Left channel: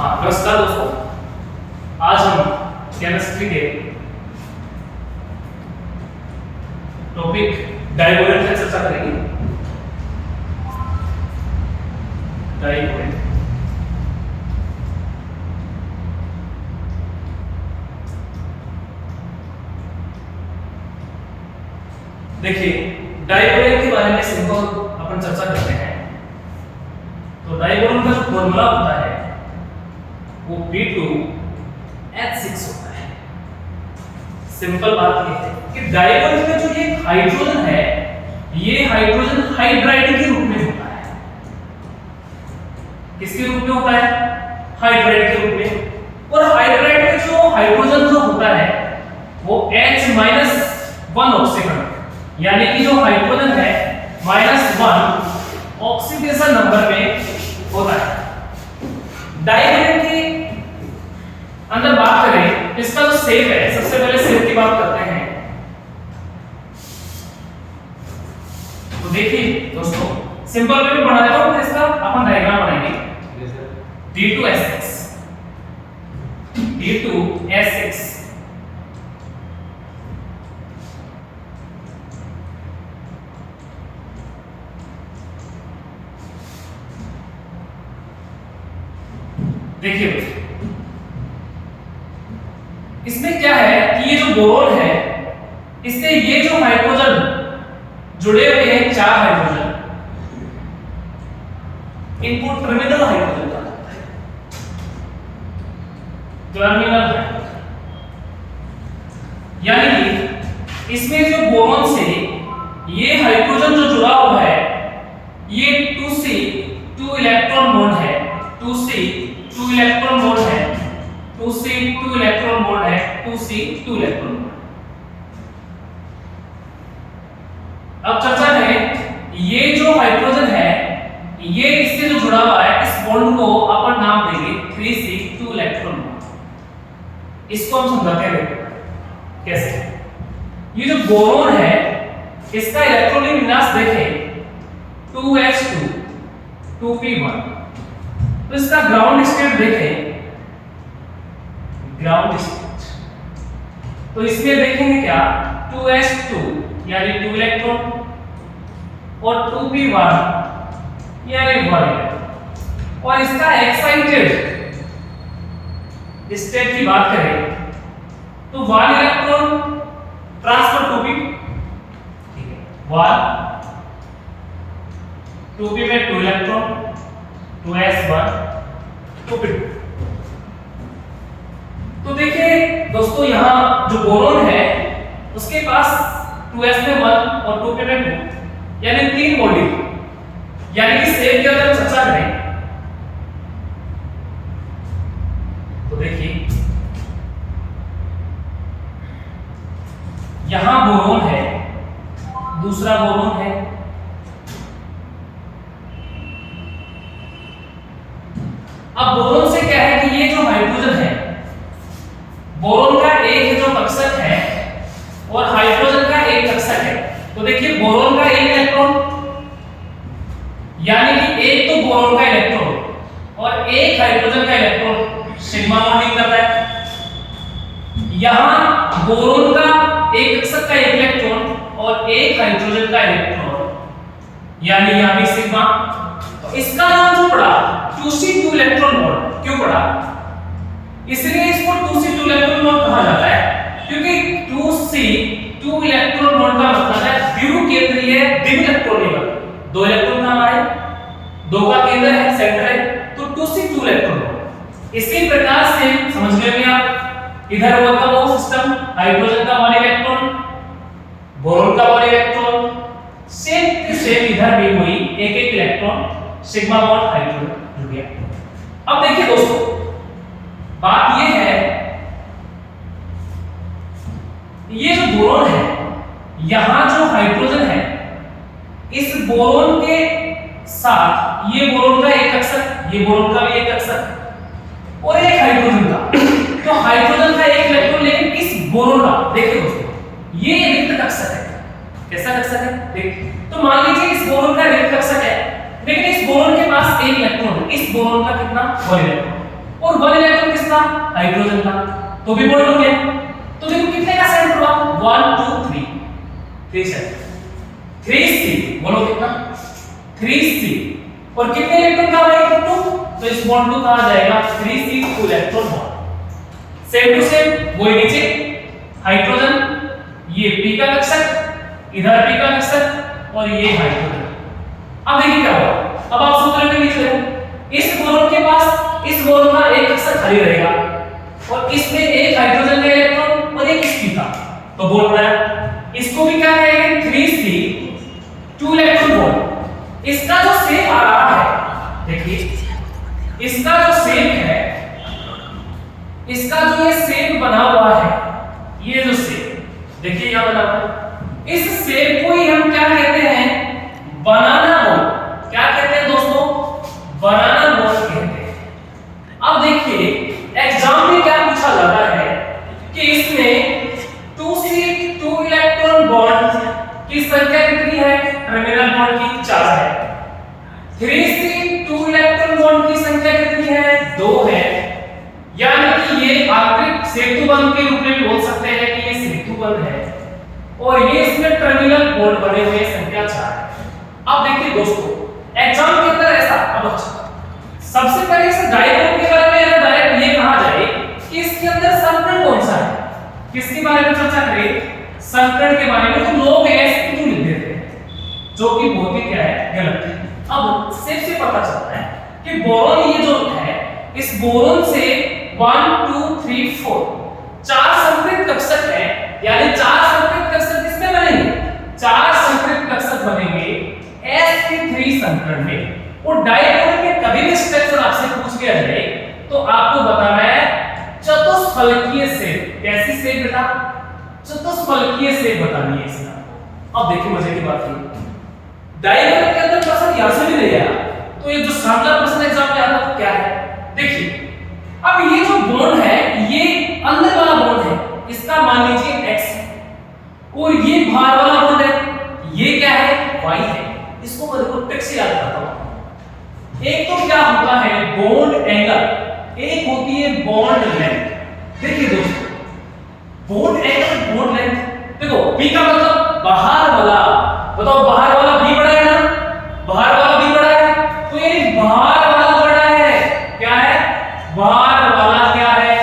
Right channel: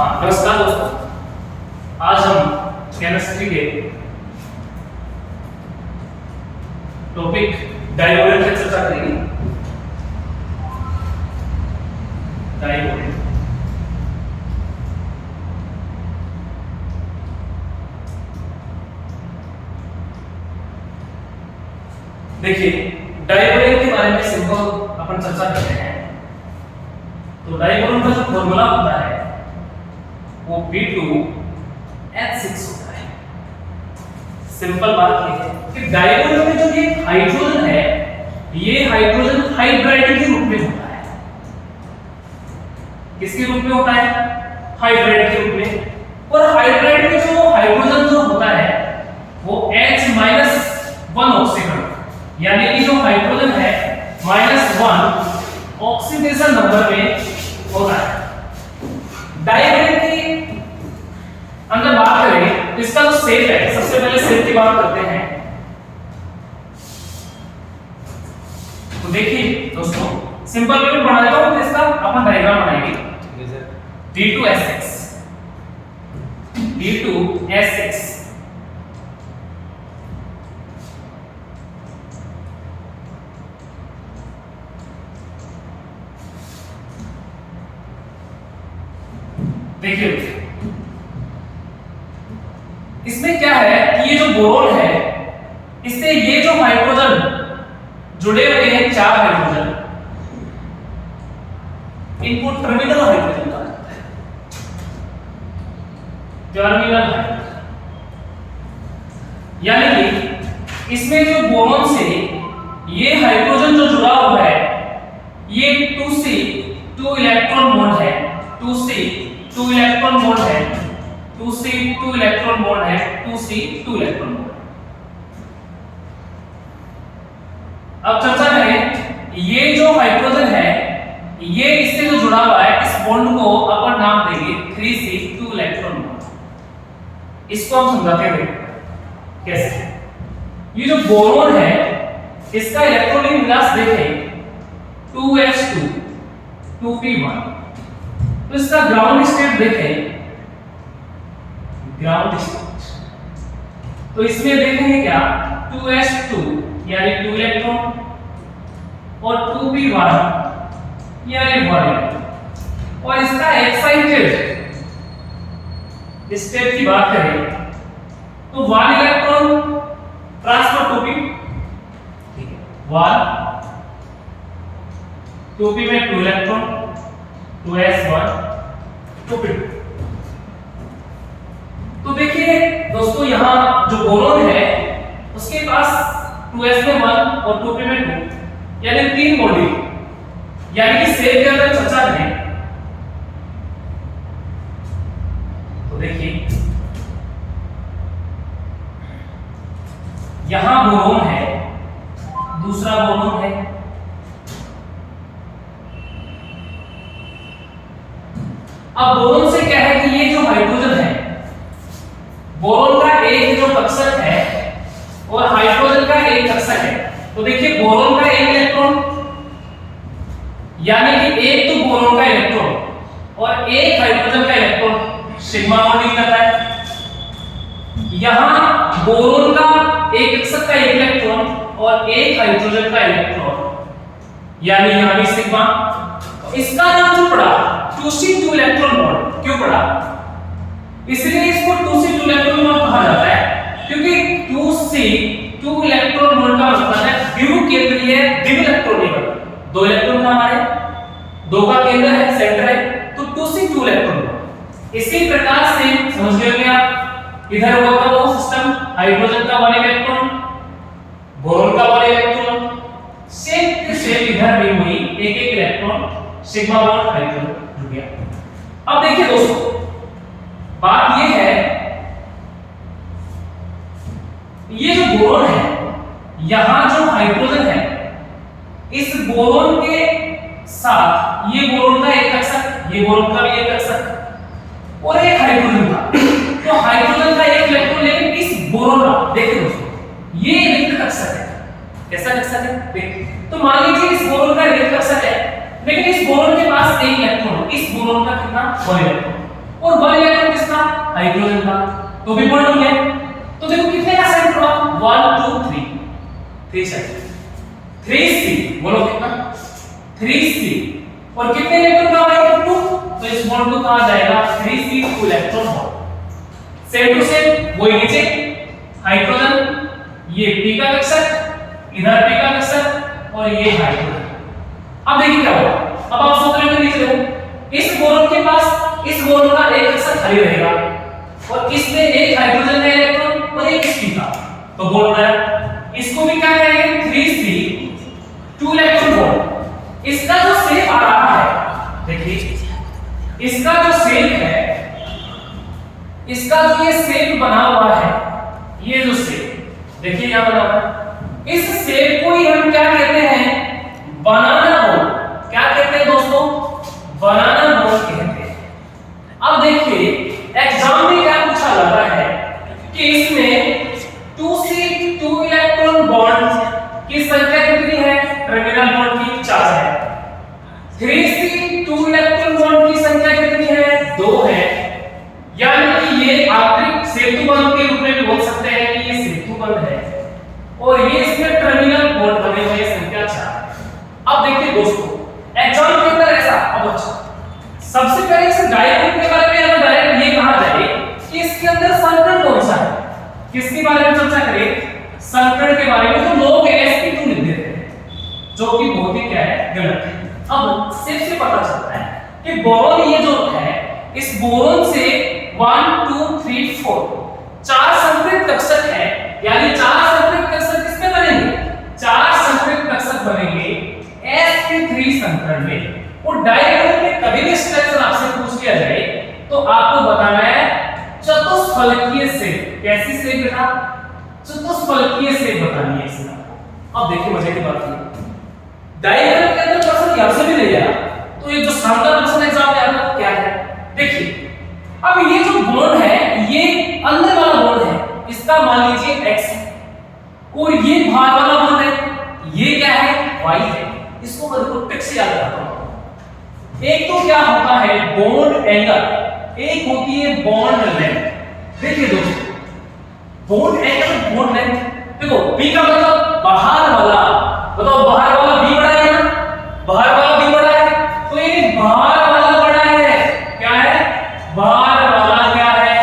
हाँ नमस्कार दोस्तों, आज हम केमिस्ट्री के टॉपिक डाइवोलेंट पर चर्चा करेंगे। डाइवोलेंट देखिए, डाइवोलेंट के बारे में सिंपल अपन चर्चा करते हैं। तो डाइवोलेंट का जो फॉर्मूला होता है वो B2H6 होता है। सिंपल बात ये है कि डाइवोलेंट में जो ये हाइड्रोजन है, ये हाइड्रोजन हाइड्राइड के रूप में होता है। किसके रूप में होता है? हाइड्राइड के रूप में। और हाइड्राइड में जो हाइड्रोजन जो होता है वो H-1 ऑक्सीकरण, यानी कि जो हाइड्रोजन है -1 ऑक्सीडेशन नंबर में होता है। डाइवोलेंट की अंदर बात करें, इसका जो शेप है, सबसे पहले शेप की बात करते हैं। तो देखिए दोस्तों, सिंपल वे में बना देता हूं, तो इसका अपन डायग्राम बनाएंगे। D2S6 D2S6 देखिए इसमें क्या है कि ये जो बोरोन है, इससे ये जो हाइड्रोजन जुड़े हुए हैं, 4 हाइड्रोजन, इनको टर्मिनल हाइड्रोजन कहा जाता है। टर्मिनल हाइड्रोजन यानी कि इसमें जो बोरोन से ये हाइड्रोजन जो जुड़ा हुआ है, ये 2C 2 इलेक्ट्रॉन बॉन्ड है, 2C 2 इलेक्ट्रॉन बॉन्ड है, 2C 2 इलेक्ट्रॉन बॉन्ड है, 2C 2 इलेक्ट्रॉन बॉन्ड। अब चर्चा करें, ये जो हाइड्रोजन है, ये इससे जो जुड़ा हुआ है, इस बॉन्ड को अपन नाम देंगे 3C 2 इलेक्ट्रॉन बॉन्ड। इसको हम समझाते हैं कैसे। ये जो बोरोन है, इसका इलेक्ट्रॉनिक विन्यास देखें 2s2 2p1। तो इसका ग्राउंड स्टेट देखें, ग्राउंड स्टेट, तो इसमें देखेंगे क्या 2s2 यानी 2 इलेक्ट्रॉन और 2p1 यानी 1 इलेक्ट्रॉन। और इसका एक्साइटेड स्टेट की बात करें तो 1 इलेक्ट्रॉन ट्रांसफर टू p, ठीक है, 1 2p में 2 इलेक्ट्रॉन 2s1 2p2। तो देखिए दोस्तों, यहां जो बोरोन है उसके पास 2s में 1 और 2p में 2 यानी 3 मॉड्यूल। यानी कि शेप के अंदर चर्चा करें तो देखिए यहां बोरोन है, दूसरा बोरोन है, अब बोरोन से क्या है कि ये जो हाइड्रोजन है, बोरोन का एक जो कक्षक है और हाइड्रोजन का एक कक्षक है। तो देखिए बोरोन का एक इलेक्ट्रॉन, यानी कि एक तो बोरोन का इलेक्ट्रॉन और एक हाइड्रोजन का इलेक्ट्रॉन सिग्मा बॉन्डिंग करता है। यहां बोरोन का एक कक्षक का एक इलेक्ट्रॉन और एक हाइड्रोजन का इलेक्ट्रॉन, यानी यहां भी सिग्मा। इसका नाम जो पड़ा 2C 2 इलेक्ट्रॉन बॉन्ड। क्यों पड़ा? इसलिए इसको 2C 2 इलेक्ट्रॉन बॉन्ड कहा जाता है, क्योंकि 2C 2 इलेक्ट्रॉन बॉन्ड का मतलब है द्विध्रुव केंद्रीय द्विइलेक्ट्रॉनिक। 2 इलेक्ट्रॉन था हमारे, 2 का केंद्र है, सेंटर है, तो 2C 2 इलेक्ट्रॉन बॉन्ड। इसी प्रकार से समझ गए आप, इधर वो का वो सिस्टम, हाइड्रोजन का 1 इलेक्ट्रॉन, बोरोन का 1 इलेक्ट्रॉन, सेम टू सेम इधर भी हुई, एक एक इलेक्ट्रॉन, सिग्मा बॉन्ड हाइड्रोजन जुड़ गया। अब देखिए दोस्तों, बात ये है, ये जो बोरोन है, यहां जो हाइड्रोजन है, इस बोरोन के साथ ये बोरोन का एक कक्षक, ये बोरोन का भी एक कक्षक और एक हाइड्रोजन का। तो हाइड्रोजन का एक इलेक्ट्रॉन, लेकिन इस बोरोन का देखिए दोस्तों, ये रिक्त कक्षक है। कैसा कक्षक है? देखिए, तो मान लीजिए इस बोरोन का रिक्त कक्षक है, लेकिन इस बोरोन के पास एक इलेक्ट्रॉन हो, इस बोरोन का कितना? 1 इलेक्ट्रॉन। और 1 इलेक्ट्रॉन किसका, हाइड्रोजन का, तो भी बॉन्ड बन गया। तो देखो कितने का सेंटर हुआ, 1 2 3 3 सेंटर, 3C, बोलो कितना, 3C, और कितने इलेक्ट्रॉन का होगा 2, तो इस बॉन्ड को कहा जाएगा 3C 2 electron bond. Same to same वही नीचे हाइड्रोजन, ये P का कक्षक, इधर P का कक्षक और ये हाइड्रोजन। अब देखिए क्या होगा, अब आप सूत्र में नीचे देखो, इस बोरोन के पास इस बोरोन का एक कक्षक खाली रहेगा और इसमें एक हाइड्रोजन का इलेक्ट्रॉन और एक P का, तो बोल रहा है इसको भी क्या कहेंगे 3C 2 इलेक्ट्रॉन बॉन्ड। इसका जो शेप आ रहा है, देखिए इसका जो शेप है, इसका जो ये शेप बना हुआ है, ये जो शेप देखिए यहां बना हुआ है, इस शेप को ही हम क्या कहते हैं, बनाना बॉन्ड। क्या कहते हैं दोस्तों, बनाना बॉन्ड कहते हैं। अब देखिए एग्जाम में क्या पूछा जाता है कि इसमें 2C 2 इलेक्ट्रॉन बॉन्ड की संख्या कितनी है, टर्मिनल बॉन्ड की 4 है, 3C 2 इलेक्ट्रॉन बॉन्ड की संख्या कितनी है, 2 है, यानी कि ये आंतरिक सेतु बंध के रूप में भी बोल सकते हैं कि ये सेतु बंध है, और ये इसमें टर्मिनल बॉन्ड बने हुए संख्या 4 है। अब देखिए दोस्तों एग्जाम के अंदर ऐसा, अब सबसे पहले इस डायपोल के बारे में अगर डायरेक्ट ये कहा जाए कि इसके अंदर संकरण कौन सा है, किसके बारे में चर्चा करें, संकरण के बारे में, तो लोग sp2 लिख देते हैं, जो कि बहुत ही क्या है, गलत है। अब से पता चलता है कि बोरोन ये जो है, इस बोरोन से 1 2 3 4 चार संकृत कक्षक है, यानी 4 संकृत कक्षक किसमें बनेंगे, 4 संकृत कक्षक बनेंगे sp3 संकरण में। और डायपोल में कभी भी स्ट्रक्चर आपसे पूछ लिया जाए तो आपको बताना है चतुष्फलकीय शेप। कैसी शेप बेटा, चतुष्फलकीय शेप बतानी है इसका। अब देखिए मजे की बात है, डायपोल के अंदर क्वेश्चन यहां से भी ले गया, तो ये जो शानदार क्वेश्चन एग्जाम में आता है क्या है, देखिए अब ये जो बॉन्ड है, ये अंदर वाला बॉन्ड है, इसका मान लीजिए x है, और ये बाहर वाला बॉन्ड है, ये क्या है, y है। इसको मैं देखो टिक से याद करता हूं। एक तो क्या होता है बॉन्ड एंगल, एक होती है बॉन्ड लेंथ। देखिए दोस्तों बॉन्ड एंगल बॉन्ड लेंथ, देखो b का मतलब बाहर वाला, बताओ बाहर वाला b बड़ा है ना, बाहर वाला b बड़ा है, तो ये बाहर वाला बड़ा है, क्या है, बाहर वाला क्या है,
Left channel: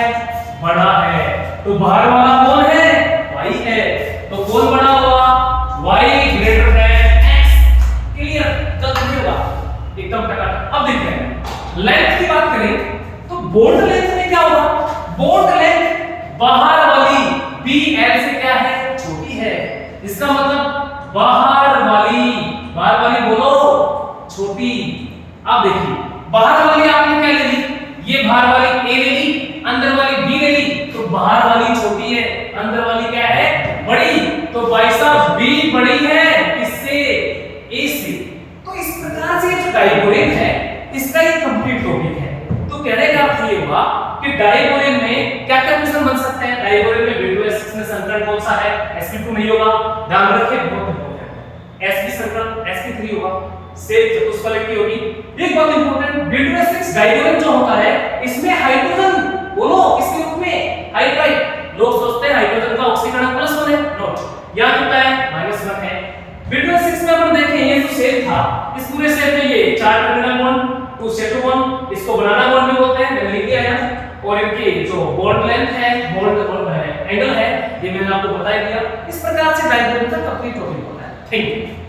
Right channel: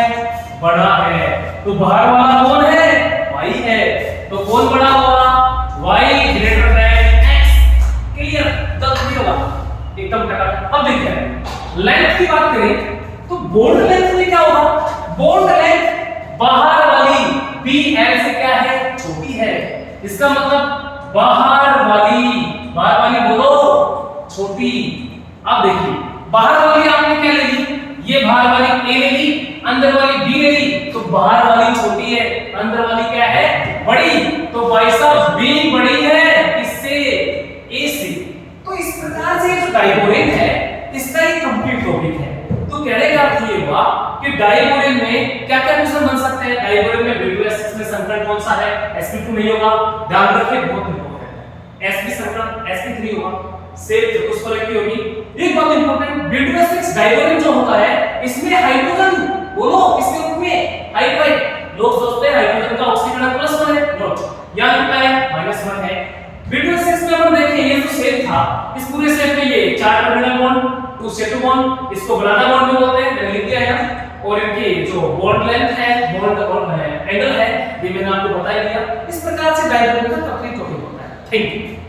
बड़ा है, तो बाहर वाला कौन है, y है, तो कौन बड़ा हुआ, y greater than x। Clear, जल्दी होगा एकदम टकाटक। अब देखिए लेंथ की बात करें तो बॉन्ड लेंथ में क्या होगा, बॉन्ड लेंथ बाहर वाली BL से क्या है, छोटी है, इसका मतलब बाहर वाली बोलो छोटी। अब देखिए बाहर वाली आपने क्या ले ली, ये बाहर वाली A ले ली, अंदर वाली B ले ली, तो बाहर वाली छोटी है, अंदर वाली क्या है, बड़ी, तो भाई साहब B बड़ी है किससे, A से। तो इस प्रकार से जो डायपोरेन है इसका एक कंप्लीट टॉपिक है। तो कहने का अर्थ ये हुआ कि डायपोरेन में क्या क्या क्वेश्चन बन सकते हैं, डायपोरेन में B2S में संकरण कौन सा है, sp2 नहीं होगा, ध्यान रखिए बहुत इंपॉर्टेंट है, sp संकरण sp3 होगा, शेप चतुष्फलकीय होगी। एक बात इंपॉर्टेंट, B2S डायपोरेन जो होता है इसमें हाइड्रोजन बोलो किसके रूप में, हाइड्राइड। लोग सोचते हैं हाइड्रोजन का ऑक्सीकरण +1 है, नोट यहां कितना है, -1 है। B2S में अपन देखें ये जो शेप था, इस पूरे शेप में ये 4 टर्मिनल बॉन्ड, 2 सेटु बॉन्ड, इसको बनाना बॉन्ड भी बोलते हैं, मैंने लिख दिया है, और इनकी जो बॉन्ड लेंथ है, बॉन्ड एंगल है, ये मैंने आपको बता ही दिया। इस प्रकार से डायपोरेन का कंप्लीट टॉपिक होता है। Thank you.